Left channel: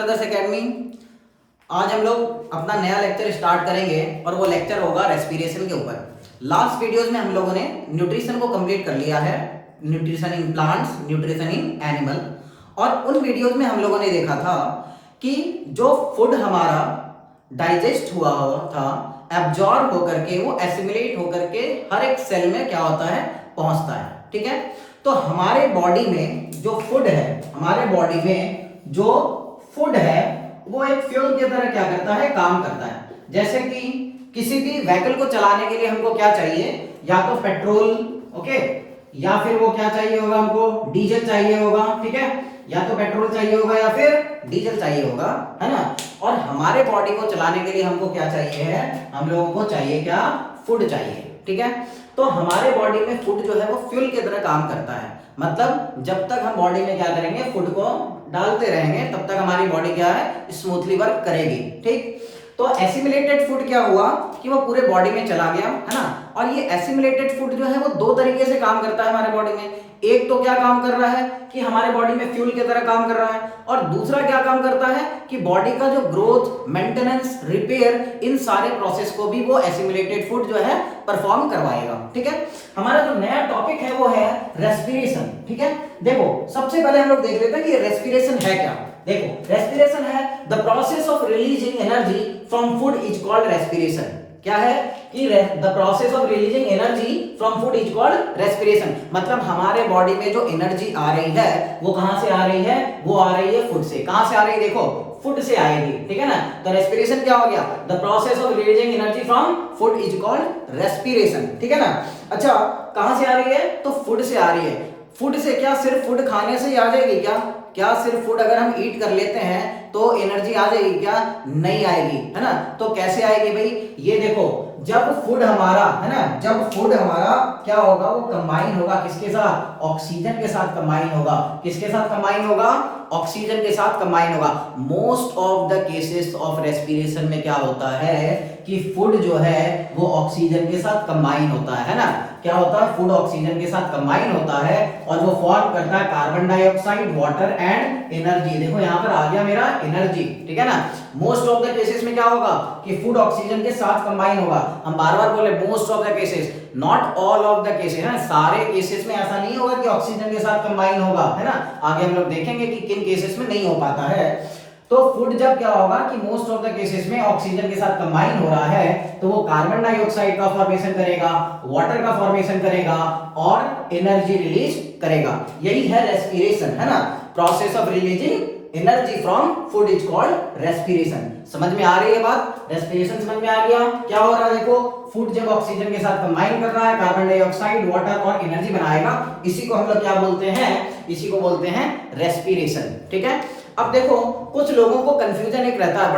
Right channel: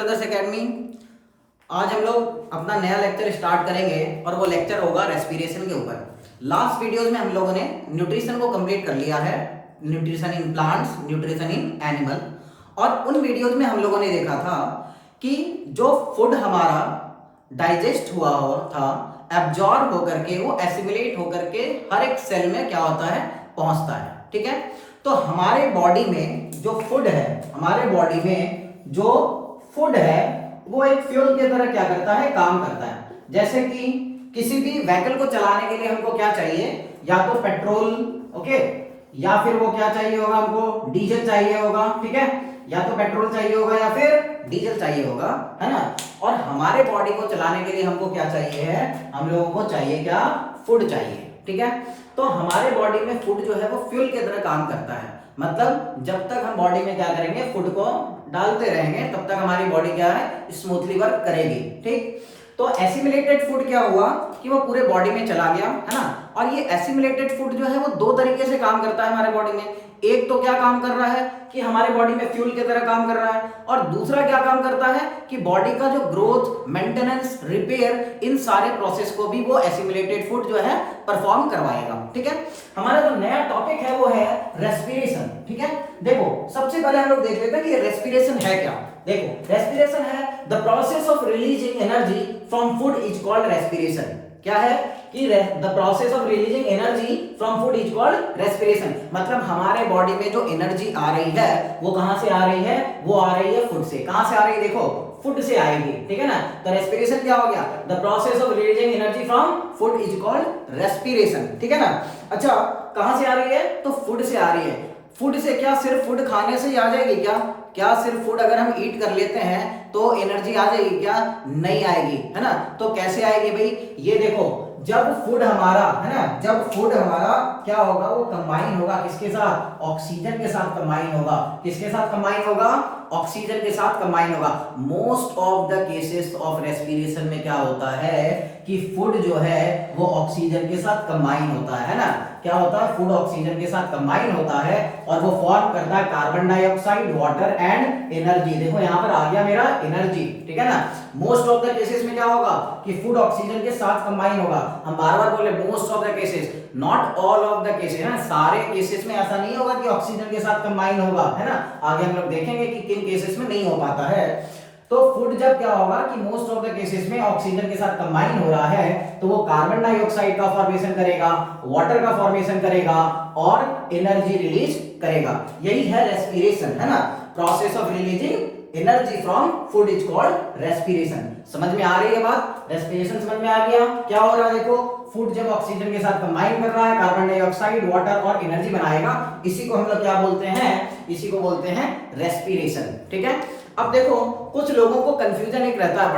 Brothers academy. आज हम लोग अपना नया लेक्चर स्टार्ट करेंगे और वो लेक्चर होगा रेस्पिरेशन के ऊपर। लास्ट वीडियोस में हम लोगों ने न्यूट्रिशन को कंप्लीट कर लिया है, nutrition in plants, nutrition in animal. और उन वीडियोस में हम लोगों ने देखा था कि जो फूड हमारा डाइजेस्ट हुआ था, एब्जॉर्ब होकर के वो एसिमिलेट होकर के हर एक सेल में क्या होता है, पहुंचता है। ठीक है, तो हमारे बॉडी में जो फूड है, हमारे बॉडी में जो फूड है वो एक फ्यूल की तरह क्या करता है, काम करता है। जैसे कि किसी भी व्हीकल को चलाने के लिए हमको क्या चाहिए, या तो पेट्रोल, ओके, या फिर वो क्या चाहिए होगा, हमको डीजल चाहिए होगा। ठीक है, या तो पेट्रोल चाहिए होगा या फिर डीजल चाहिए होगा, है ना। और हमारे बॉडी को चलाने के लिए हमको क्या चाहिए है, हम लोगों को चाहिए क्या, फूड चाहिए। ठीक है, तो हमारे बॉडी में फूड जो है वो फ्यूल की तरह काम करता है। मतलब जब तक हम बॉडी में क्या करेंगे, फूड को डालते रहेंगे, तब तक हमारी बॉडी क्या है, स्मूथली वर्क करेगी। ठीक, तो एसिमिलेटेड फूड क्या हुआ कि वो पूरे बॉडी में चला गया, है ना। और ये एसिमिलेटेड फूड जो है वो दो तरीके से काम करता है हमारे बॉडी में। एक तो क्या काम कर रहा है कि हमारे बॉडी में फ्यूल की तरह काम कर रहा है, और दूसरा क्या काम करता है कि बॉडी का जो ग्रोथ, मेंटेनेंस, रिपेयर, इन सारे प्रोसेस को भी वो एसिमिलेटेड फूड जो है परफॉर्म करवाएगा। ठीक है, हमारा जो नया टॉपिक है वो है रेस्पिरेशन। ठीक है, देखो सबसे पहले हम लोग देख लेते हैं कि रेस्पिरेशन है क्या। देखो रेस्पिरेशन है the process of releasing energy from food is called respiration. क्या है कि the process of releasing energy from food is called respiration. मतलब हमारे बॉडी में जो एनर्जी आ रही है वो कहां से आ रही है, वो आ रही है फूड से। कहां से आ रही है, देखो फूड से आएगी। ठीक है ना, तो रेस्पिरेशन क्या हो गया, the process of releasing energy from food is called respiration. ठीक है ना। अच्छा, कहां से आ रही है, तो फूड से आ रही है। फूड से क्या, सिर्फ फूड खाने से ही आ जाएगी क्या, क्या सिर्फ फूड अगर हम ईट कर लेते हैं तो एनर्जी आ जाएगी क्या, नहीं आएगी, है ना। तो कैसे आएगी भाई, ये देखो जब फूड हमारा, है ना, जब फूड हमारा क्या होगा, वो कंबाइन होगा किसके साथ, ऑक्सीजन के साथ कंबाइन होगा। किसके साथ कंबाइन होगा, ऑक्सीजन के साथ कंबाइन होगा। Most of the cases of respiration में क्या होता है कि फूड जो है वो ऑक्सीजन के साथ कंबाइन होता है ना। क्या होता है, फूड ऑक्सीजन के साथ कंबाइन होता है और वो फॉर्म करता है carbon dioxide, water and energy. देखो यहाँ पर आ गया मेरा एनर्जी। ठीक है ना, मोस्ट ऑफ द केसेस में क्या होगा कि फूड ऑक्सीजन के साथ कंबाइन होगा। हम बार बार बोले most of the cases, not all of the cases, है ना। सारे केसेस में ऐसा नहीं होगा कि ऑक्सीजन के साथ कंबाइन होगा, है ना। आगे हम लोग देखेंगे कि किन केसेस में नहीं हो पाता है। तो फूड जब क्या होगा कि मोस्ट ऑफ द केसेस में ऑक्सीजन के साथ कंबाइन हो रहा है, तो वो कार्बन डाइऑक्साइड का फॉर्मेशन करेगा, वाटर का फॉर्मेशन करेगा और एनर्जी रिलीज करेगा। यही है रेस्पिरेशन, है ना। Process of releasing energy from food is called respiration. समझ में आ रही है बात, रेस्पिरेशन समझ में आ गया। क्या हो रहा है, देखो फूड जब ऑक्सीजन के साथ कंबाइन कर रहा है, कार्बन डाइऑक्साइड, वाटर और एनर्जी बनाएगा, इसी को हम लोग क्या बोलते हैं, इसी को बोलते हैं रेस्पिरेशन। ठीक है, अब देखो कुछ लोगों को कंफ्यूजन एक रहता है,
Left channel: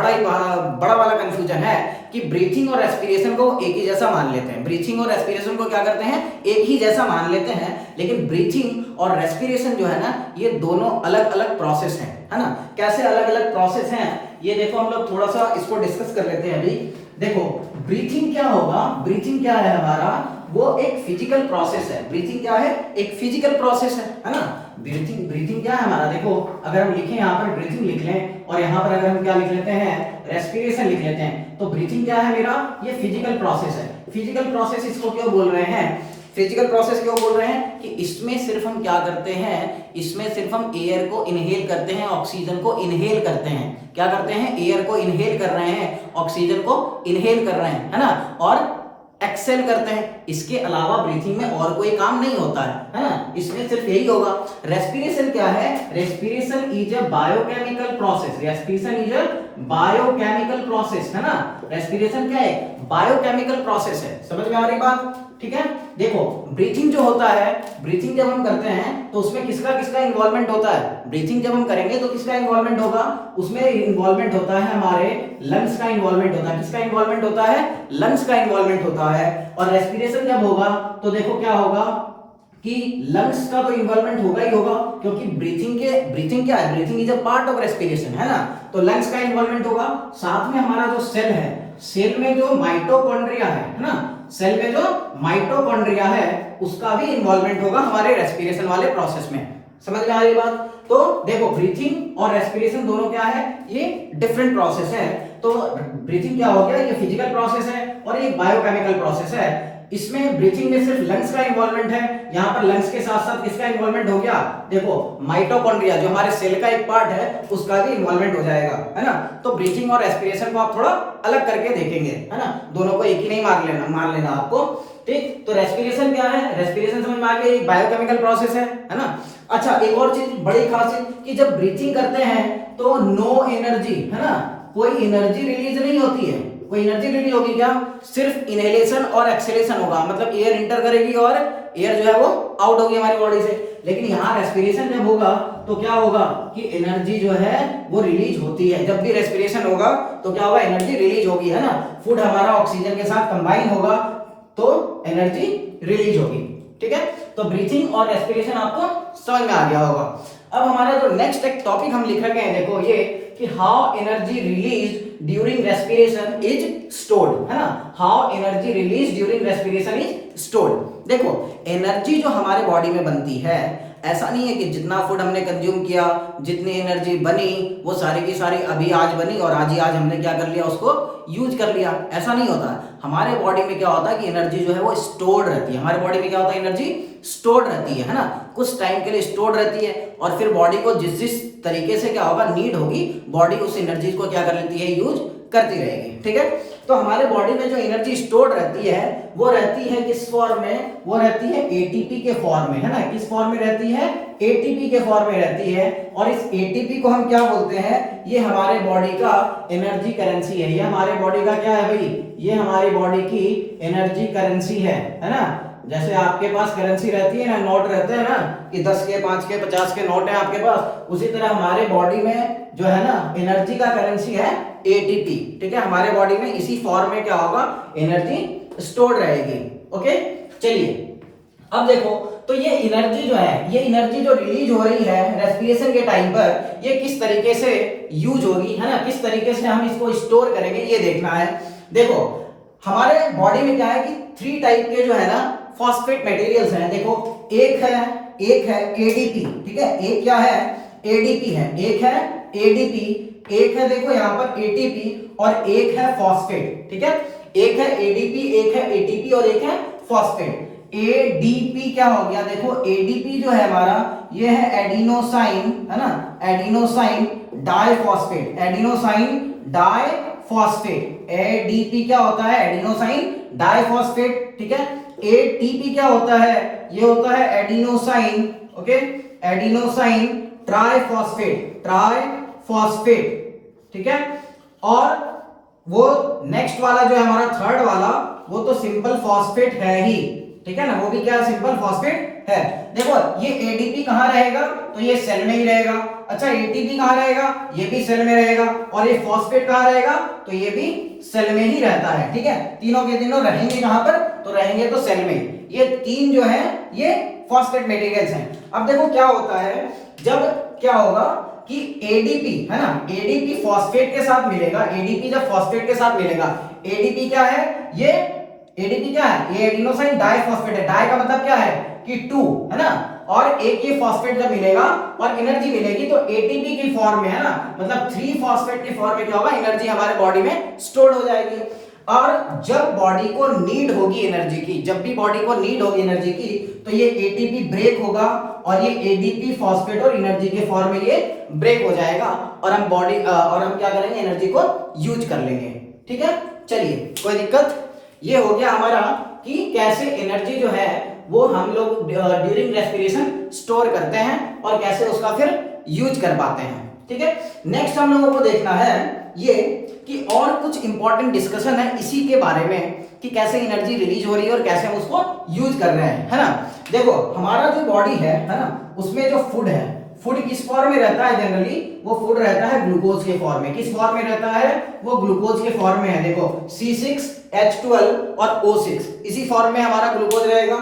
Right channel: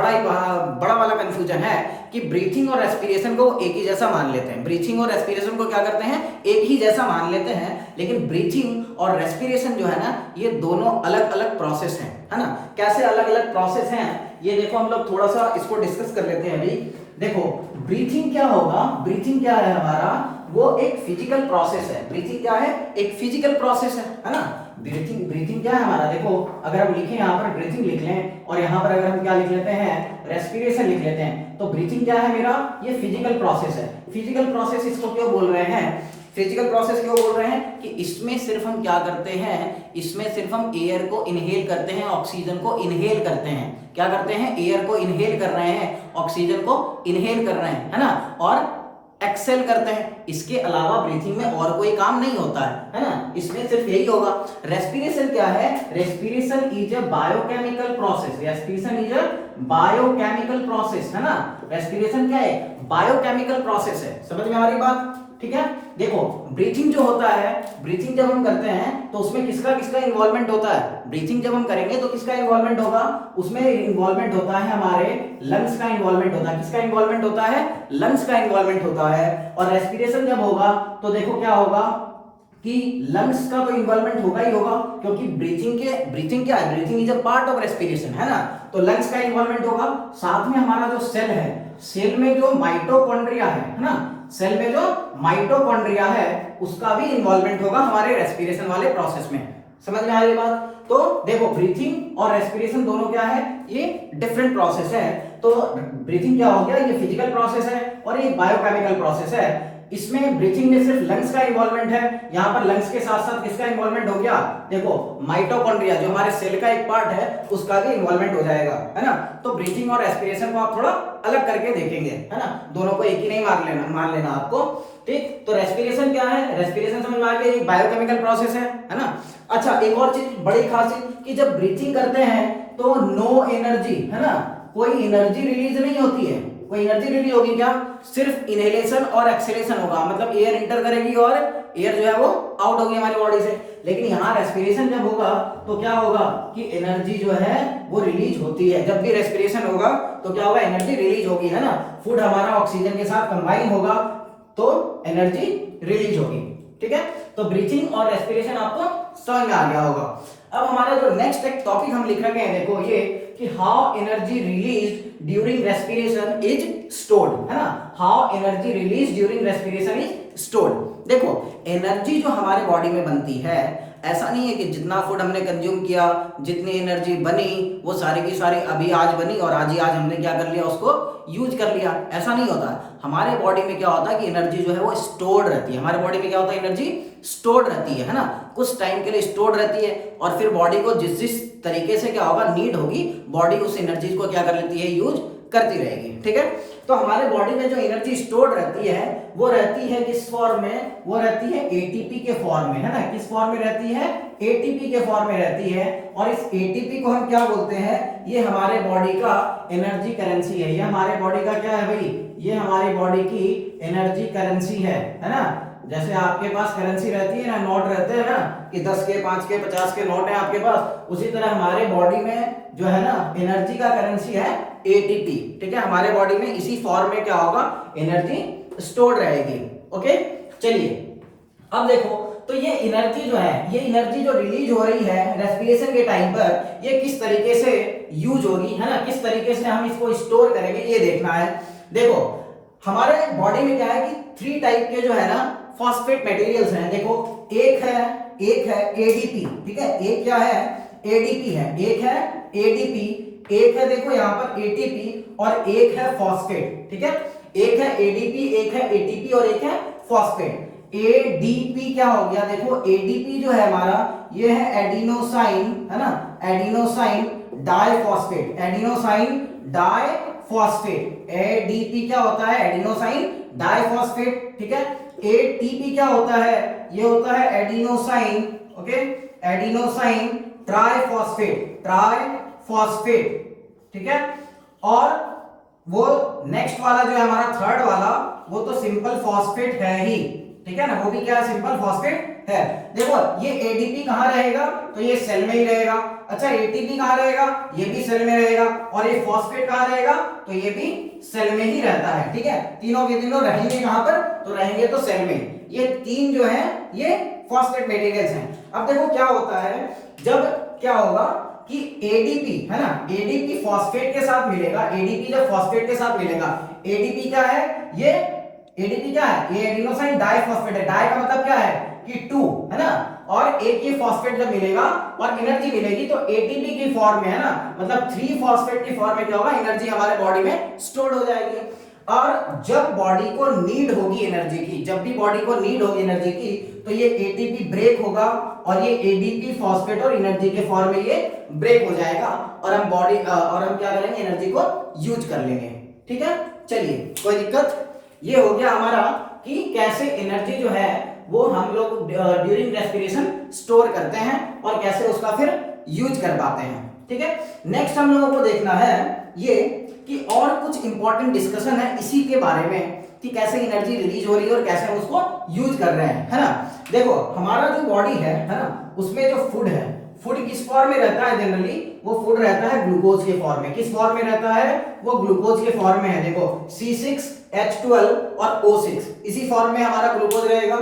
बड़ा वाला कंफ्यूजन है कि ब्रीथिंग और रेस्पिरेशन को एक ही जैसा मान लेते हैं। ब्रीथिंग और रेस्पिरेशन को क्या करते हैं, एक ही जैसा मान लेते हैं। लेकिन ब्रीथिंग और रेस्पिरेशन जो है ना, ये दोनों अलग अलग प्रोसेस हैं, है ना। कैसे अलग अलग प्रोसेस हैं, ये देखो हम लोग थोड़ा सा इसको डिस्कस कर लेते हैं अभी। देखो ब्रीथिंग क्या होगा, ब्रीथिंग क्या है हमारा, वो एक फिजिकल प्रोसेस है। ब्रीथिंग क्या है, एक फिजिकल प्रोसेस है ना। ब्रीथिंग क्या है हमारा, देखो अगर हम लिखें यहाँ पर ब्रीथिंग लिख लें और यहाँ पर अगर हम क्या लिख लेते हैं, रेस्पिरेशन लिख लेते हैं, तो ब्रीथिंग क्या है मेरा, ये फिजिकल प्रोसेस है। फिजिकल प्रोसेस इसको क्यों बोल रहे हैं, फिजिकल प्रोसेस क्यों बोल रहे हैं कि इसमें सिर्फ हम क्या करते हैं, इसमें सिर्फ हम एयर को इनहेल करते हैं, ऑक्सीजन को इनहेल करते हैं। क्या करते हैं, एयर को इनहेल कर रहे हैं, ऑक्सीजन को इनहेल कर रहे हैं, है ना, और एक्सेल करते हैं। इसके अलावा ब्रीथिंग में और कोई काम नहीं होता है ना, इसमें सिर्फ यही होगा। रेस्पिरेशन क्या है, respiration is a biochemical process. Respiration is a biochemical process, है ना। रेस्पिरेशन क्या है, बायोकेमिकल प्रोसेस है। समझ में आ रही बात, ठीक है। देखो ब्रीथिंग जो होता है, ब्रीथिंग जब हम करते हैं तो उसमें किसका किसका इन्वॉल्वमेंट होता है, ब्रीथिंग जब हम करेंगे तो किसका इन्वॉल्वमेंट होगा, उसमें इन्वॉल्वमेंट होता है हमारे लंग्स का इन्वॉल्वमेंट होता है। किसका इन्वॉल्वमेंट होता है, लंग्स का इन्वॉल्वमेंट होता है। और रेस्पिरेशन जब होगा तो देखो क्या होगा कि लंग्स का तो इन्वॉल्वमेंट होगा ही होगा, क्योंकि ब्रीथिंग क्या है, breathing is a part of respiration, है ना। तो लंग्स का इन्वॉल्वमेंट होगा। साथ में हमारा जो सेल है, सेल में जो माइटोकॉन्ड्रिया है ना, सेल में जो माइटोकॉन्ड्रिया है उसका भी इन्वॉल्वमेंट होगा हमारे रेस्पिरेशन वाले प्रोसेस में। समझ में आ रही बात। तो देखो ब्रीथिंग और रेस्पिरेशन दोनों क्या है, ये डिफरेंट प्रोसेस है। तो ब्रीथिंग क्या हो गया, ये फिजिकल प्रोसेस है और ये बायोकेमिकल प्रोसेस है। इसमें ब्रीथिंग में सिर्फ लंग्स का इन्वॉल्वमेंट है, यहाँ पर लंग्स के साथ साथ किसका इन्वॉल्वमेंट हो गया, देखो माइटोकॉन्ड्रिया जो हमारे सेल का एक पार्ट है उसका भी इन्वॉल्वमेंट हो जाएगा, है ना। तो ब्रीथिंग और रेस्पिरेशन को आप थोड़ा अलग करके देखेंगे, है ना, दोनों को एक ही नहीं मार लेना आपको, ठीक। तो रेस्पिरेशन क्या है, रेस्पिरेशन समझ में आ गया, एक बायोकेमिकल प्रोसेस है ना। अच्छा एक और चीज बड़ी खासियत कि जब ब्रीथिंग करते हैं तो नो एनर्जी, है ना, कोई एनर्जी रिलीज नहीं होती है, कोई एनर्जी रिलीज होगी क्या, सिर्फ इनहेलेशन और एक्सहेलेशन होगा, मतलब एयर इंटर करेगी और एयर जो है वो आउट होगी हमारी बॉडी से। लेकिन यहाँ रेस्पिरेशन जब होगा तो क्या होगा कि एनर्जी जो है वो रिलीज होती है। जब भी रेस्पिरेशन होगा तो क्या होगा, एनर्जी रिलीज होगी, है ना, फूड हमारा ऑक्सीजन के साथ कंबाइन होगा तो एनर्जी रिलीज होगी, ठीक है। तो ब्रीथिंग और रेस्पिरेशन आपको समझ में आ गया होगा। अब हमारा जो नेक्स्ट एक टॉपिक हम लिख रखे हैं, देखो ये कि how energy release during respiration is stored, है ना, how energy release during respiration is stored. देखो एनर्जी जो हमारे बॉडी में बनती है, ऐसा नहीं है कि जितना फूड हमने कंज्यूम किया, जितनी एनर्जी बनी वो सारी की सारी अभी आज बनी और आज ही आज हमने क्या कर लिया, उसको यूज कर लिया, ऐसा नहीं होता। हमारे बॉडी में क्या होता है कि एनर्जी जो है वो स्टोर्ड रहती है, हमारे बॉडी में क्या होता है, एनर्जी स्टोर्ड रहती है ना, कुछ टाइम के लिए स्टोर्ड रहती है और फिर बॉडी को जिस जिस तरीके से क्या होगा नीड होगी, बॉडी उस एनर्जी को क्या कर लेती है, यूज करती रहेगी, ठीक है। तो हमारे बॉडी में जो एनर्जी स्टोर्ड रहती है वो रहती है किस फॉर्म में, वो रहती है एटीपी के फॉर्म में, है ना, किस फॉर्म में रहती है, एटीपी के फॉर्म में रहती है। और इस एटीपी को हम क्या बोलते हैं, ये हमारे बॉडी का एनर्जी करेंसी है, ये हमारे बॉडी का क्या है भाई, ये हमारी बॉडी की एनर्जी करेंसी है ना। जैसे आपके पास करेंसी रहती है ना, नोट रहते हैं ना कि 10 के 5 के 50 के नोट है आपके पास, उसी तरह हमारे बॉडी में जो है ना एनर्जी का करेंसी है एटीपी, ठीक है। हमारे बॉडी में इसी फॉर्म में क्या होगा, एनर्जी स्टोर्ड रहेगी, ओके। चलिए अब देखो, तो ये एनर्जी जो है, ये एनर्जी जो रिलीज हो रही है रेस्पिरेशन के टाइम पर, ये किस तरीके से यूज होगी, है ना, किस तरीके से हम इसको स्टोर करेंगे ये देखना है। देखो हमारे बॉडी में क्या है कि 3 टाइप के जो है ना फॉस्फेट मटेरियल्स हैं। देखो एक है एडीपी, ठीक है, एक क्या है, एडीपी है, एक है एडीपी, एक है देखो यहाँ पर एटीपी और एक है फॉस्फेट, ठीक है, एक है एडीपी, एक है एटीपी और एक है फॉस्फेट। एडीपी क्या हो गया, देखो एडीपी जो है हमारा ये है एडिनोसाइन, है ना, adenosine diphosphate, adenosine diphosphate. ADP क्या होता है, एडिनोसाइन डाइफॉस्फेट, ठीक है। एटीपी क्या होता है, ये होता है adenosine, okay, adenosine triphosphate, triphosphate, ठीक है। और वो नेक्स्ट वाला जो है हमारा थर्ड वाला, वो तो सिंपल फॉस्फेट है ही, ठीक है ना, वो भी क्या है, सिंपल फॉस्फेट है। देखो ये एडीपी कहां रहेगा, तो ये सेल में ही रहेगा। अच्छा एटीपी कहां रहेगा, ये भी सेल में रहेगा। और ये फॉस्फेट कहां रहेगा, तो ये भी सेल में ही रहता है, ठीक है। तीनों के तीनों रहेंगे कहां पर, तो रहेंगे तो सेल में। ये तीन जो है ये फॉस्फेट मटेरियल्स हैं। अब देखो क्या होता है, जब क्या होगा कि एडीपी, है ना, एडीपी फॉस्फेट के साथ मिलेगा, एडीपी जब फॉस्फेट के साथ मिलेगा, एडीपी क्या है, ये एडीपी क्या है, ये एडिनोसाइन डाइफॉस्फेट है, डाई का मतलब क्या है कि 2, है ना, और एक ये फॉस्फेट जब मिलेगा और एनर्जी मिलेगी तो एटीपी की फॉर्म में, है ना, मतलब 3 फॉस्फेट की फॉर्म में क्या होगा, एनर्जी हमारे बॉडी में स्टोर्ड हो जाएगी। और जब बॉडी को नीड होगी एनर्जी की, जब भी बॉडी को नीड होगी एनर्जी की, तो ये एटीपी ब्रेक होगा और ये एडीपी फॉस्फेट और एनर्जी के फॉर्म में ये ब्रेक हो जाएगा और हम क्या करेंगे, एनर्जी को यूज कर लेंगे, ठीक है। चलिए कोई दिक्कत, ये हो गया हमारा कि कैसे एनर्जी जो है वो हम लोग ड्यूरिंग रेस्पिरेशन स्टोर करते हैं और कैसे उसका फिर यूज कर पाते हैं, ठीक है। नेक्स्ट हम लोगों को देखना है ये कि और कुछ इंपॉर्टेंट डिस्कशन है इसी के बारे में कि कैसे एनर्जी रिलीज हो रही है और कैसे हम उसको यूज कर रहे हैं, है ना। देखो हमारा जो बॉडी है ना, उसमें जो फूड है, फूड किस फॉर्म में रहता है, जनरली वो फूड रहता है ग्लूकोज के फॉर्म में। किस फॉर्म में रहता है, वो ग्लूकोज के फॉर्म में है। देखो C6H12 और O6, इसी फॉर्म में हमारा ग्लूकोज रहेगा।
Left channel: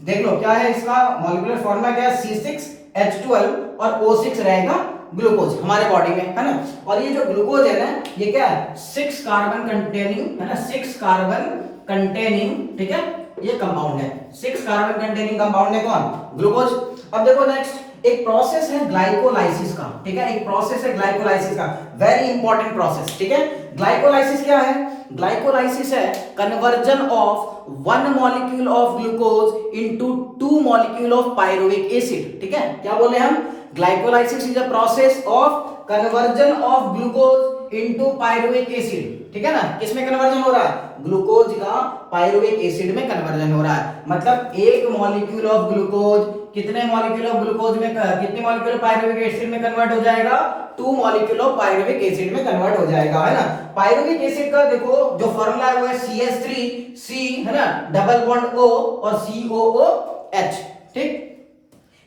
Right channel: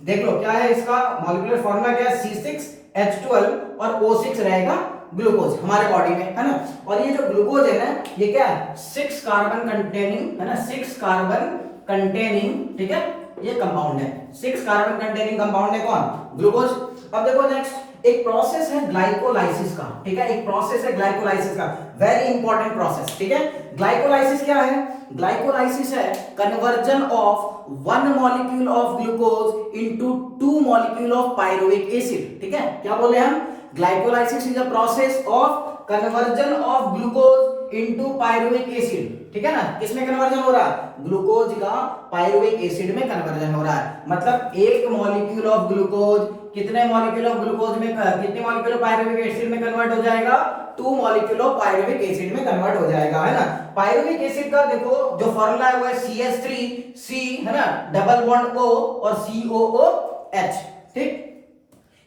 देख लो क्या है इसका मॉलिक्यूलर फॉर्मूला, क्या है, C6H12 और O6 रहेगा ग्लूकोज हमारे बॉडी में, है ना। और ये जो ग्लूकोज है ना, ये क्या है, 6 कार्बन कंटेनिंग, है ना, 6 कार्बन कंटेनिंग, ठीक है, ये कंपाउंड है, 6 कार्बन कंटेनिंग कंपाउंड है कौन, ग्लूकोज। अब देखो नेक्स्ट एक प्रोसेस है ग्लाइकोलाइसिस का, ठीक है, एक प्रोसेस है ग्लाइकोलाइसिस का, वेरी इंपॉर्टेंट प्रोसेस, ठीक है। ग्लाइकोलाइसिस क्या है? ग्लाइकोलाइसिस है conversion of one molecule of glucose into two molecule of pyruvic acid, ठीक है। क्या बोले हम? Glycolysis is a process of conversion of glucose into pyruvic acid, ठीक है ना। किसमें कन्वर्जन हो रहा है? ग्लूकोज का पायरुविक एसिड में कन्वर्जन हो रहा है। मतलब एक मॉलिक्यूल ऑफ ग्लूकोज कितने मॉलिक्यूल ऑफ ग्लूकोज में, कितने मॉलिक्यूल ऑफ पायरुविक एसिड में कन्वर्ट हो जाएगा? 2 मॉलिक्यूल ऑफ पायरुविक एसिड में कन्वर्ट हो जाएगा, है ना। पायरुविक एसिड का देखो जो फॉर्मूला है वो है CH3C, है ना, डबल बॉन्ड O और COOH, ठीक।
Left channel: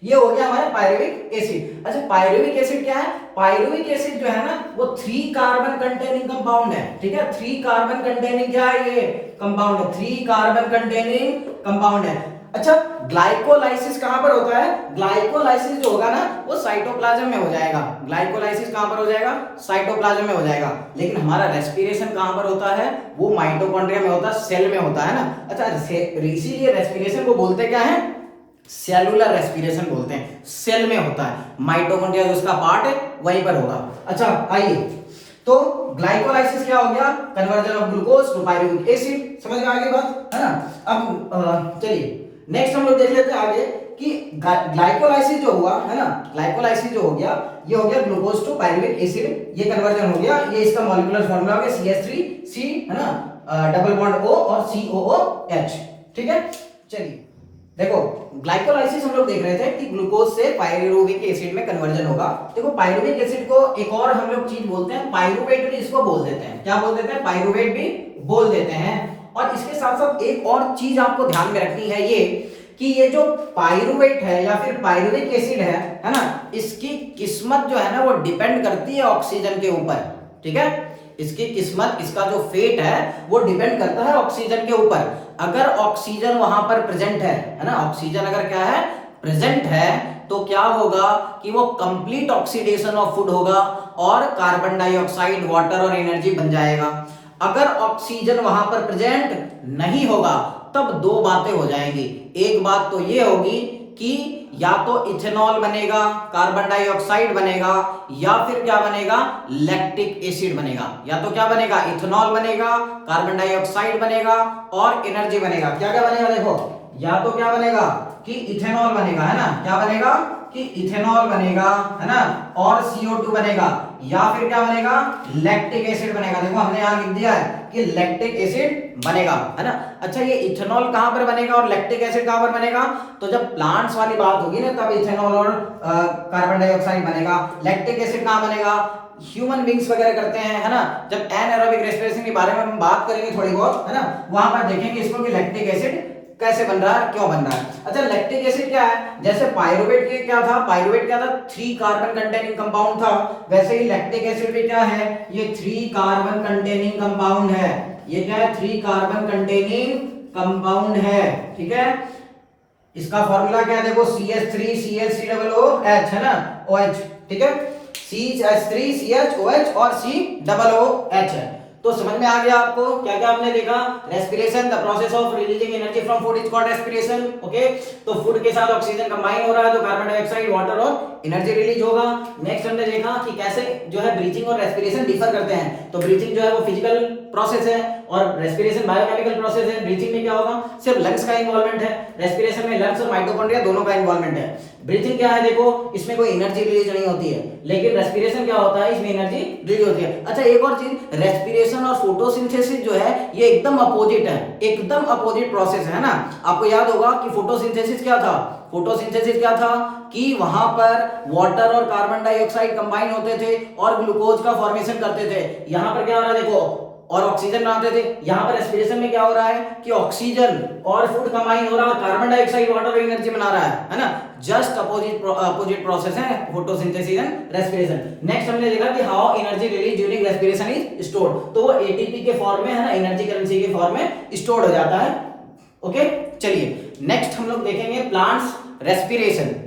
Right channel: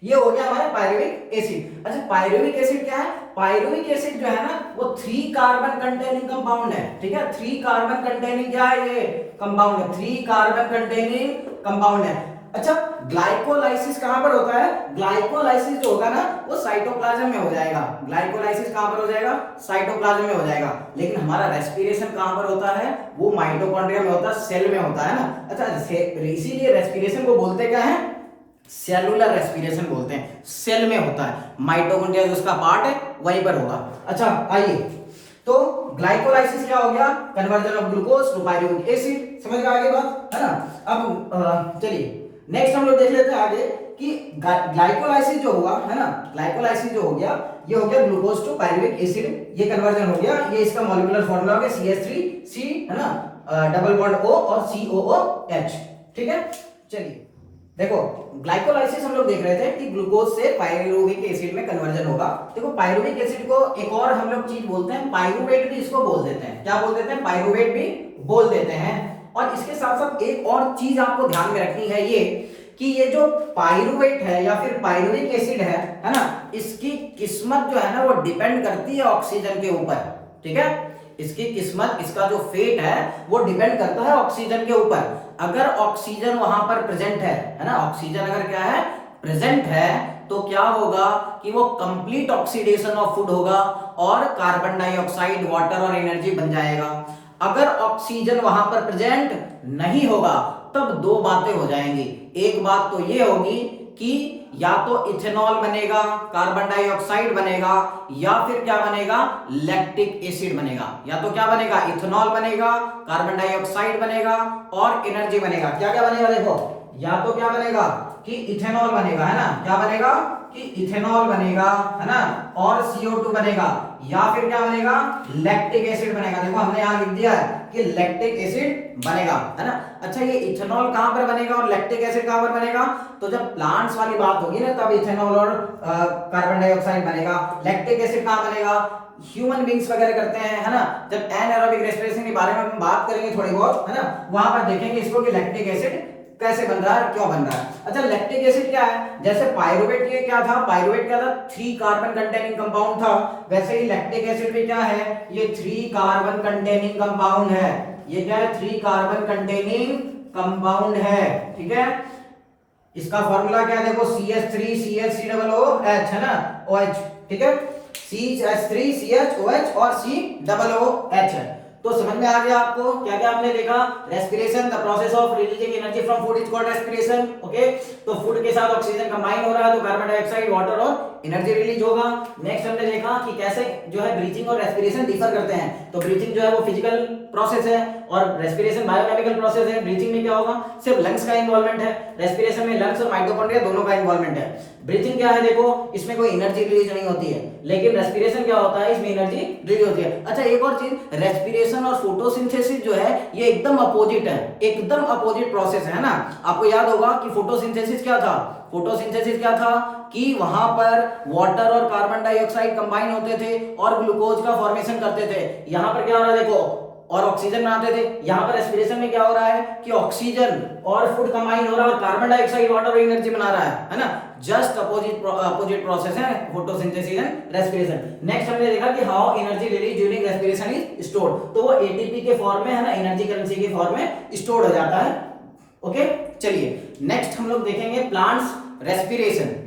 ये हो गया हमारा पायरुविक एसिड। अच्छा, पायरुविक एसिड क्या है? पायरुविक एसिड जो है ना वो 3 कार्बन कंटेनिंग कंपाउंड है, ठीक है। 3 कार्बन कंटेनिंग क्या है? ये कंपाउंड है, 3 कार्बन कंटेनिंग कंपाउंड है। अच्छा, ग्लाइकोलाइसिस कहां पर होता है? ग्लाइकोलाइसिस जो होगा ना वो साइटोप्लाज्म में हो जाएगा। ग्लाइकोलाइसिस कहां पर हो जाएगा? साइटोप्लाज्म में हो जाएगा। लेकिन हमारा रेस्पिरेशन कहां पर होता है? वो माइटोकॉन्ड्रिया में होता है, सेल में होता है ना। अच्छा, इसीलिए रेस्पिरेशन को बोलते क्या है? सेलुलर रेस्पिरेशन बोलते हैं, सेल में होता है। माइटोकॉन्ड्रिया जो उसका पार्ट है वहीं पर होगा। अच्छा, आइए, तो ग्लाइकोलाइसिस क्या हो गया? Conversion of glucose to pyruvic acid. समझ में आ गई बात, है ना। अब चलिए नेक्स्ट हम लोग देख लेते हैं आगे कि ग्लाइकोलाइसिस जो हुआ, है ना, ग्लाइकोलाइसिस जो हो गया ये हो गया ग्लूकोज टू पायरुविक एसिड, ये कन्वर्जन हो गया। ये इसका मॉलिक्यूलर फार्मूला हो गया CH3C, है ना, डबल बॉन्ड O और COOH, ठीक है। चलिए देखो, ग्लाइकोलाइसिस हम लोग देख रहे थे कि ग्लूकोज से पायरुविक एसिड में कन्वर्जन होगा। देखो, पायरुविक एसिड को एक और हम लोग चीज बोलते हैं, पायरुवेट भी इसको बोल देते हैं। क्या बोल देते हैं? पायरुवेट भी बोल देते हैं। और इसके साथ साथ एक और चीज आपको ध्यान में रखनी है, ये कि ये जो पायरुवेट है या फिर पायरुविक एसिड है ना, इसकी किस्मत जो है ना वो डिपेंड करती है ऑक्सीजन के ऊपर, ठीक है। इसकी किस्मत, इसका जो फेट है वो डिपेंड करता है ऑक्सीजन के ऊपर। अगर ऑक्सीजन वहां पर प्रेजेंट है ना, ऑक्सीजन अगर क्या है? प्रेजेंट है, तो क्या होगा कि वो कंप्लीट ऑक्सीडेशन ऑफ फूड होगा और कार्बन डाइऑक्साइड, वाटर और एनर्जी बन जाएगा। अगर ऑक्सीजन वहां पर प्रेजेंट नहीं होगा तब दो बातें हो जाएंगी। एक बात तो ये होगी कि या तो इथेनॉल बनेगा, कार्बन डाइऑक्साइड बनेगा, या फिर क्या बनेगा? लैक्टिक एसिड बनेगा। या तो क्या बनेगा? इथेनॉल बनेगा, कार्बन डाइऑक्साइड बनेगा और एनर्जी बनेगा। क्या क्या बनेगा? देखो, या तो क्या बनेगा कि इथेनॉल बनेगा, है ना, क्या बनेगा कि इथेनॉल बनेगा, है ना, और CO2 बनेगा, या फिर क्या बनेगा? लैक्टिक एसिड बनेगा। देखो हमने यहां लिख दिया है कि लैक्टिक एसिड बनेगा, है ना। अच्छा, ये इथेनॉल कहां पर बनेगा और लैक्टिक एसिड कहां पर बनेगा? तो जब प्लांट्स वाली बात होगी ना तब इथेनॉल और कार्बन डाइऑक्साइड बनेगा। लैक्टिक एसिड कहां बनेगा? ह्यूमन बींग्स वगैरह करते हैं, है ना। जब एनारोबिक रेस्पिरेशन के बारे में हम बात करेंगे थोड़ी बहुत, है ना, वहां पर देखेंगे इसको कि लैक्टिक एसिड कैसे बन रहा है, क्यों बन रहा है। अच्छा, लैक्टिक एसिड क्या है? जैसे पायरुवेट के क्या था? पायरुवेट क्या था? 3 कार्बन कंटेनिंग कंपाउंड था। वैसे ही लैक्टिक एसिड भी क्या है? ये 3 कार्बन कंटेनिंग कंपाउंड है। ये क्या है? 3 कार्बन कंटेनिंग कंपाउंड है, ठीक है। इसका फॉर्मूला क्या है? देखो, CH3CH3OH, है ना, OH, ठीक है। CH3CHOH और COOH है। तो समझ में आ गया आपको क्या क्या हमने देखा? Respiration, the process of releasing energy from food is called respiration, okay. तो फूड के साथ ऑक्सीजन कंबाइन हो रहा है तो कार्बन डाइऑक्साइड, वाटर और एनर्जी रिलीज होगा। नेक्स्ट हमने देखा कि कैसे जो है ब्रीथिंग और रेस्पिरेशन डिफर करते हैं। तो ब्रीथिंग जो है वो फिजिकल प्रोसेस है और रेस्पिरेशन बायोकेमिकल प्रोसेस है। ब्रीथिंग में क्या होगा? सिर्फ लंग्स का इन्वॉल्वमेंट है, रेस्पिरेशन में लंग्स और माइटोकॉन्ड्रिया दोनों का इन्वॉल्वमेंट है। ब्रीथिंग क्या है? देखो, इसमें कोई एनर्जी रिलीज नहीं होती है, लेकिन रेस्पिरेशन क्या होता है? इसमें एनर्जी रिलीज होती है। अच्छा, एक और चीज, रेस्पिरेशन और फोटोसिंथेसिस जो है ये एकदम अपोजिट है, एकदम अपोजिट प्रोसेस है ना। आपको याद होगा कि फोटोसिंथेसिस क्या था? फोटोसिंथेसिस क्या था कि वहां पर वाटर और कार्बन डाइऑक्साइड कंबाइन होते थे और ग्लूकोज का फॉर्मेशन करते थे। यहां पर क्या हो रहा है? देखो, और ऑक्सीजन बनाते थे। यहां पर रेस्पिरेशन में क्या हो रहा है कि ऑक्सीजन और फूड कंबाइन हो रहा है और कार्बन डाइऑक्साइड, वाटर और एनर्जी बना रहा है ना। जस्ट अपोजिट प्रोसेस है फोटोसिंथेसिस एंड रेस्पिरेशन। नेक्स्ट हमने देखा कि how energy release during respiration is stored. तो वो एटीपी के फॉर्म में, है ना, एनर्जी करेंसी के फॉर्म में स्टोर हो जाता है, ओके। चलिए नेक्स्ट हम लोग देखेंगे प्लांट्स रेस्पिरेशन।